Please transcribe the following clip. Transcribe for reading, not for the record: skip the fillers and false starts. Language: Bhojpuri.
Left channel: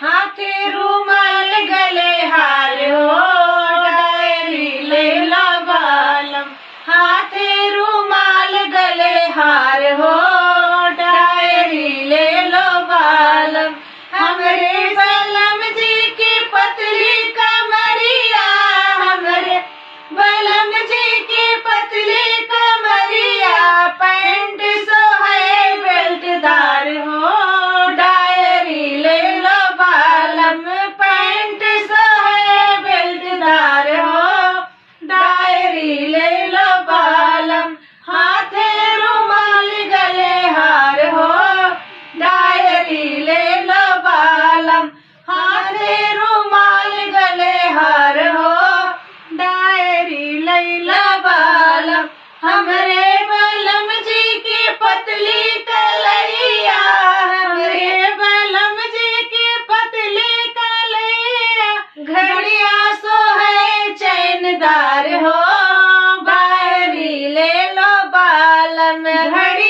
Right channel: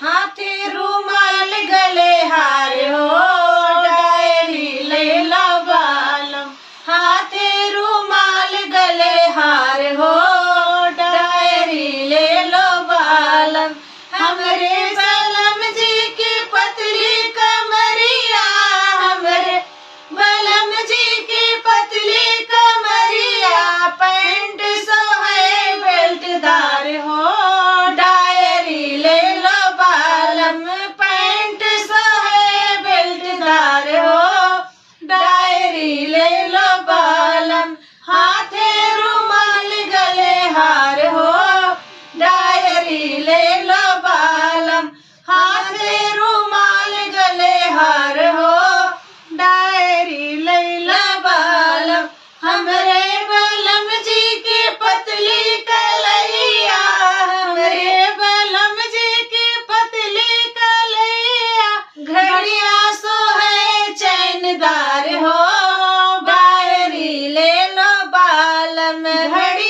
हाथे रुमाल गले हार हो, डायरी ले लो बालम। हाथे रुमाल गले हार हो, डायरी ले लो बालम। हमरे बलम जी की पतली कमरिया, हमरे बलम जी की पतली कमरिया, पैंट सोहे बेल्टदार हो, डायरी ले लो बालम। पैंट सोहे बेल्टदार हो, डायरी ले लो बालम। हाथे रुमाल गले हार हो, डायरी ले लो बालम। हाथे रुमाल गले हार हो, डायरी ले लो बालम। हमरे बलम जी की पतली कलैया, हमरे बलम जी की पतली कलैया, घड़िया सोहे चैनदार हो, डायरी ले लो बालम। घड़ी